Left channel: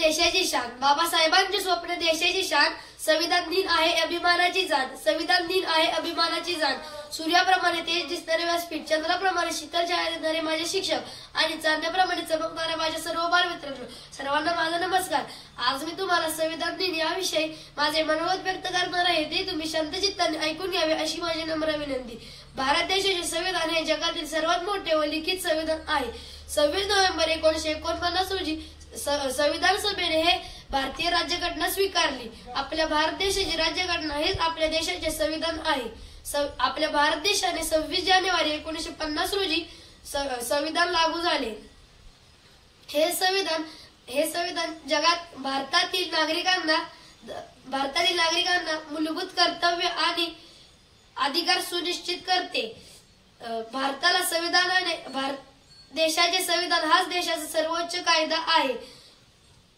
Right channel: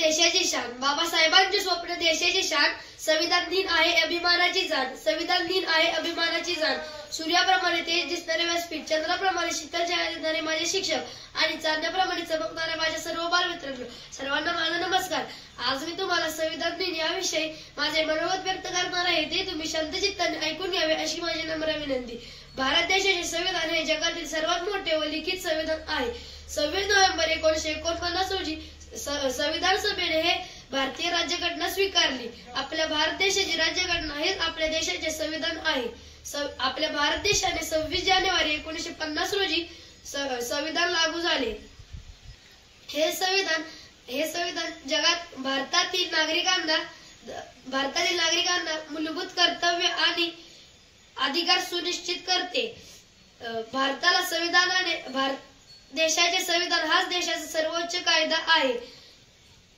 देशाची शान, बाबासाहेबांचे स्वप्न देशाची शान, संविधान दिन आहे अभिमानाची जाण, संविधान दिन आहे अभिमानाची जाण। सूर्याप्रमाणे तेज दिसणारे व्यासपीठ, चंद्राप्रमाणे शीतल छाया देणारे माझे शिक्षक आणि चांदण्याप्रमाणे चमकणारे माझे सर्व बालमित्रांनो, सर्वांना माझा नमस्कार। आज मी तुम्हाला संविधान दिन याविषयी माझे मनोगत व्यक्त करणार आहे, ते तुम्ही शांतचित्ताने ऐकून घ्यावे अशी माझी नम्र विनंती। भारत देशाचे संविधान हे जगातील सर्वात मोठे व लिखित संविधान आहे। 26 नोव्हेंबर 1949 रोजी संविधान सभेने हे भारतीय राज्यघटना स्वीकारली। आपल्या भारत देशाची राज्यघटना हेच आपल्या देशाचे संविधान आहे। आपल्या भारत देशाने 26 जानेवारी 1950 रोजी संविधान लागू झाले। हे संविधान जगात भारतातील नागरिकांना मूलभूत कर्तव्य आणि अधिकार सुनिश्चित करते। देशाचे संविधान हाच देशाचा सर्वोच्च कायदा आहे।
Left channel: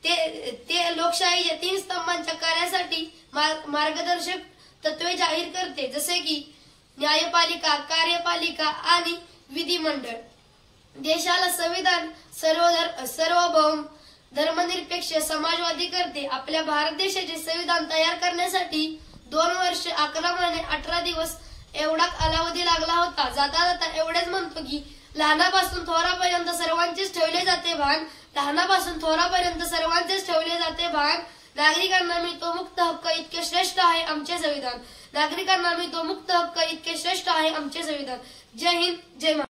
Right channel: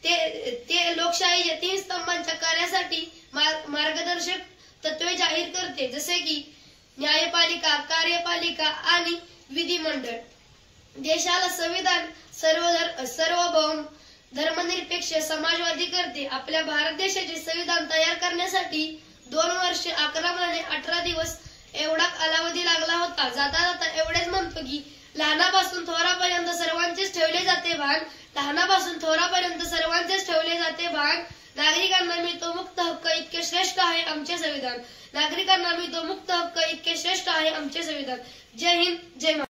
ते लोकशाहीच्या 3 स्तंभांच्या कार्यासाठी मार्गदर्शक तत्वे जाहीर करते, जसे की न्यायपालिका, कार्यपालिका आणि विधिमंडळ। देशाला संविधान सार्वभौम, धर्मनिरपेक्ष, समाजवादी करते। आपल्या भारत देशाचे संविधान तयार करण्यासाठी 2 वर्ष 11 महिने 18 दिवस एवढा कालावधी लागला होता। जाता जाता एवढेच म्हणतो की लहानापासून थोरापर्यंत सर्वांचेच ठेवले जाते भान, लहानापासून थोरापर्यंत सर्वांचेच ठेवले जाते भान। नागरिकांना मिळतो मुक्त हक्क इतके श्रेष्ठ आहे आमचे संविधान, नागरिकांना मिळतो मुक्त हक्क इतके श्रेष्ठ आहे आमचे संविधान। जय हिंद, जय महाराष्ट्र।